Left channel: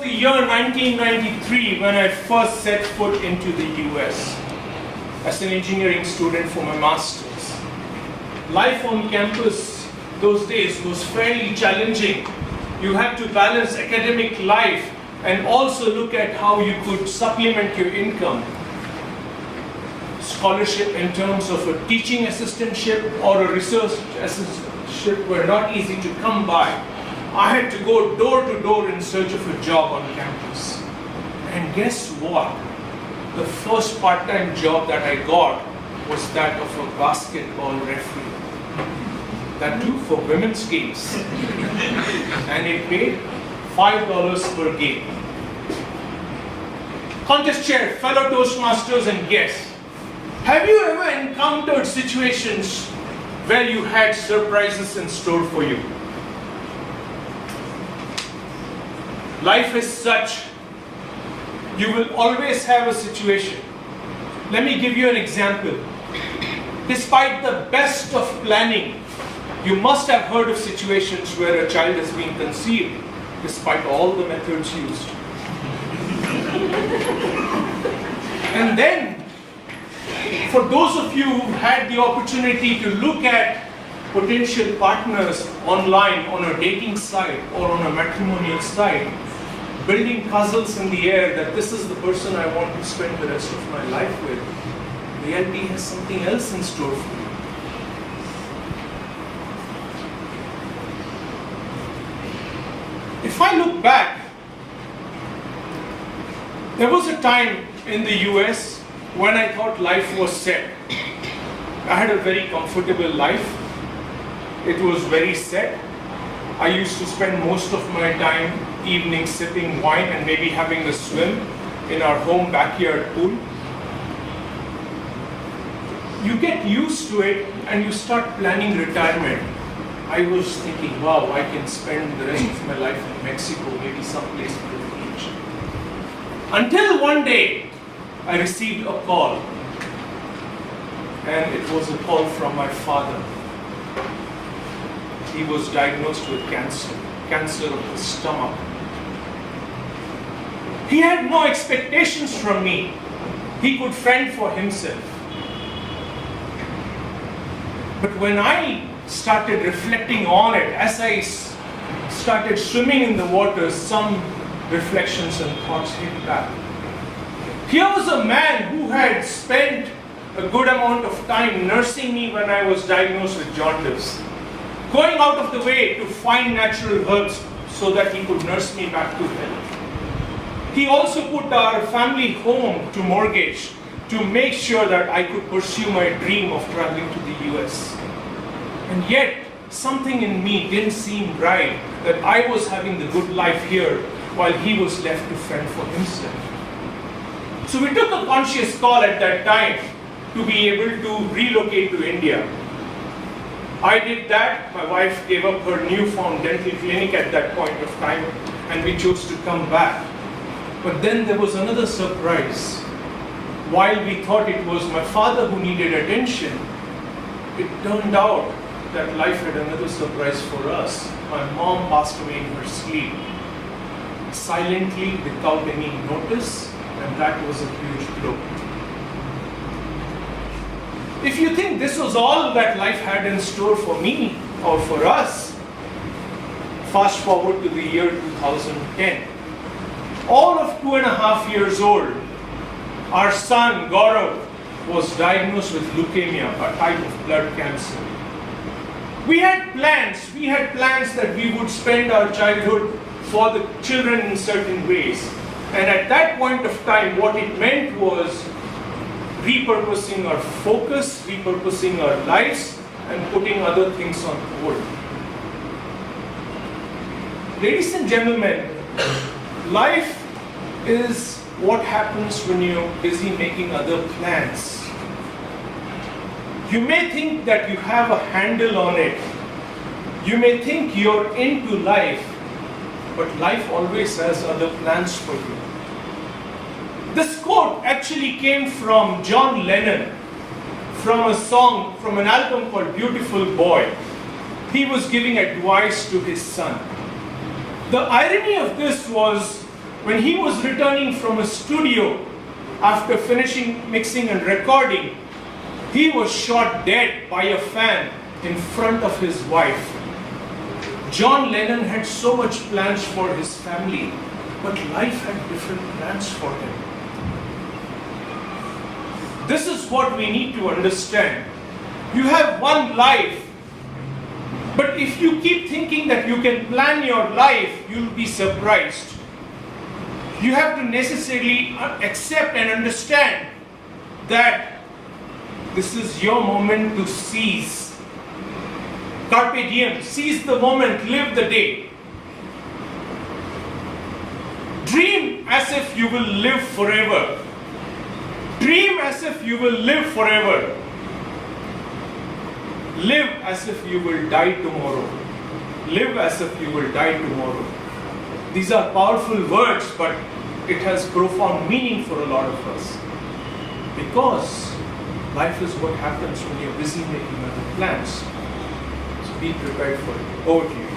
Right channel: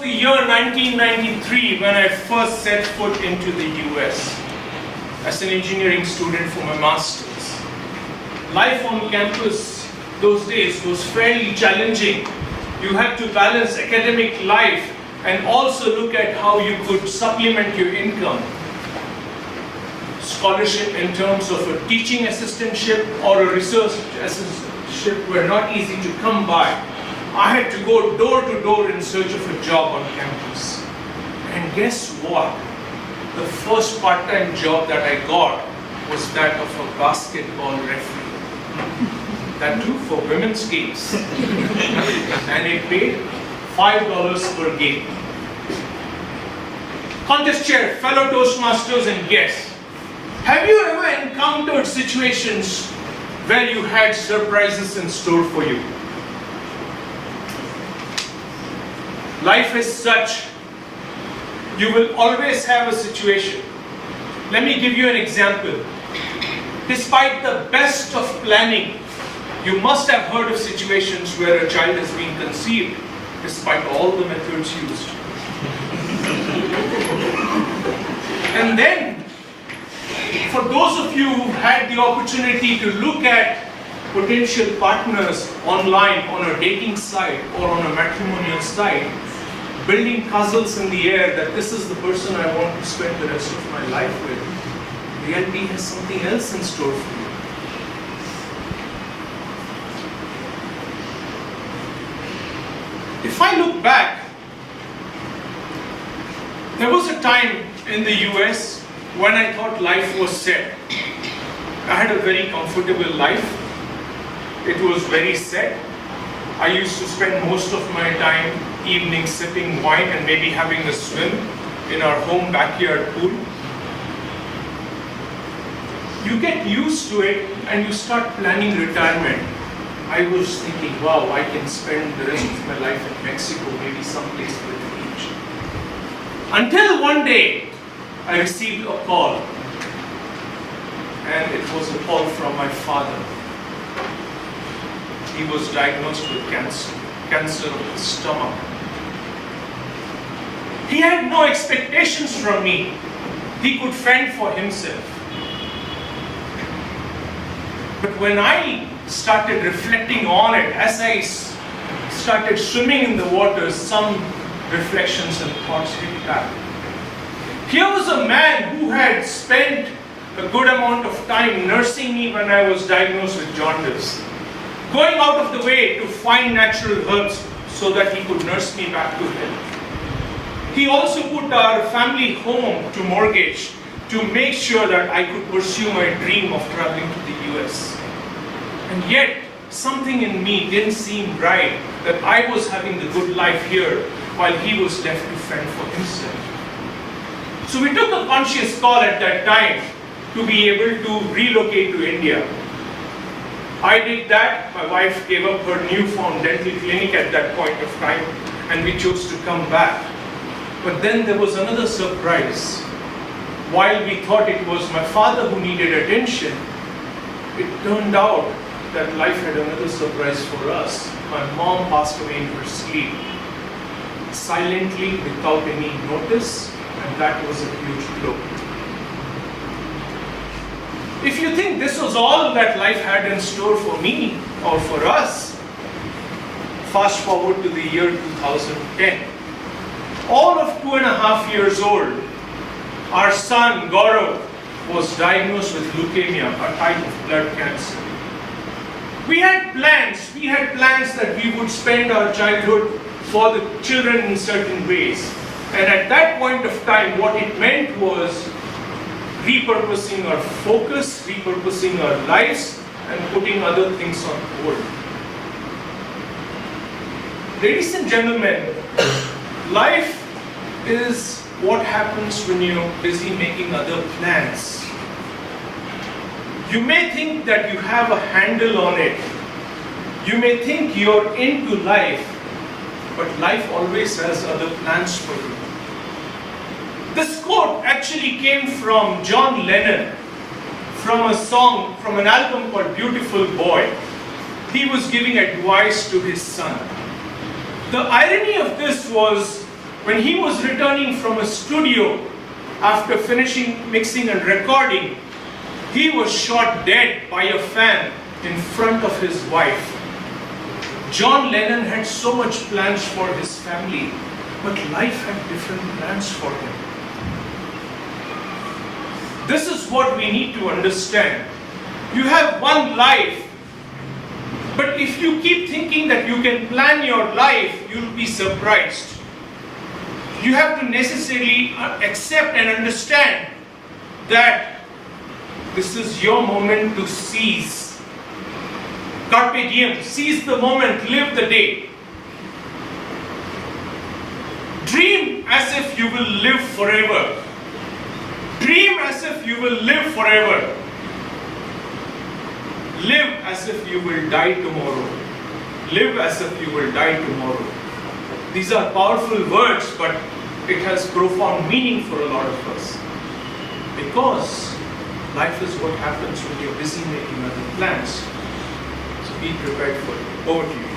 the year 1993 when I first set foot into the US as an engineering student for my master's. Life on campus those days was fairly challenging. You had to balance academic life and also look at how you could supplement your income. Scholarship in terms of a teaching assistantship or a research assistantship were not easy to come by. I had to go door to door in search of a job on campus. And guess what? The first part-time job that I got was that of a basketball referee. That too for women's teams. And it paid $5 per game. Contest chair, fellow Toastmasters and guests, have you ever encountered situations where you had surprises in store for you? Life is such, you will always have a situation. Let me give you an example. Despite the best of planning, you must have heard of situations where a child has been conceived, despite all the methods used. And then, for those of you who had the opportunity to look at potential partners online on a dating site or on a matrimonial site, building puzzles in the air that this is the person I want to spend the rest of my life with, reality has something else in store for you. If I look back, there was a time in the US when I thought life was set. I had a very comfortable life. It was very set. I used to spend most of my time evenings sipping wine and maybe having a swim in our home backyard pool. You get used to it and you start planning retirement. I was thinking, wow, I can spend the rest of my life in Mexico, maybe someplace with the beach. Until one day, I received a call. And it was a call from my father. He was diagnosed with cancer of the stomach. He had no expectations from me. He could fend for himself. But when I started reflecting on it, as I started swimming in the water, some reflections and thoughts came back. Here was a man who had spent a good amount of time nursing me when I was diagnosed with jaundice, going out of the way to find natural herbs so that he could nurse me back to health. He also put our family home to mortgage to make sure that I could pursue my dream of traveling to the US. And yet, something in me didn't seem right that I was having the good life here while he was left to fend for himself. So we took a conscious call at that time to be able to relocate to India. I did that. My wife gave up her newfound dental clinic at that point of time, and we chose to come back. But then there was another surprise. While we thought it was my father who needed attention, it turned out that life had another surprise for us. My mom passed away in her sleep, silently, without any notice, and that was a huge blow. If you think this was all that life had in store for me or for us, fast forward to the year 2010. All of 2.5 years old, our son Gaurav was diagnosed with leukemia, a type of blood cancer. We had plans that we would spend our childhood for the children in certain ways. And at that point of time, what it meant was repurposing our focus, repurposing our lives, and putting other things on hold. Ladies and gentlemen, life is what happens when you're busy making other plans. You may think that you have a handle on it. You may think you're into life, but life always has other plans for you. This quote actually came from John Lennon, from a song, from an album called Beautiful Boy. He was giving advice to his son. The irony of this was when he was returning from a studio after finishing mixing and recording, he was shot dead by a fan in front of his wife. John Lennon had so much plans for his family, but life had different plans for him. This is what we need to understand. You have one life, but if you keep thinking that you can plan your life, you'll be surprised. You have to necessarily accept and understand that this is your moment to seize. Carpe diem, seize the moment, live the day. Dream as if you will live forever. Dream as if you will live forever. Live as if you will die tomorrow. Live as if you will die tomorrow. These are powerful words, but it has profound meaning for a lot of us. Because life is what happens when you're busy making other plans. So be prepared for it. Over to you.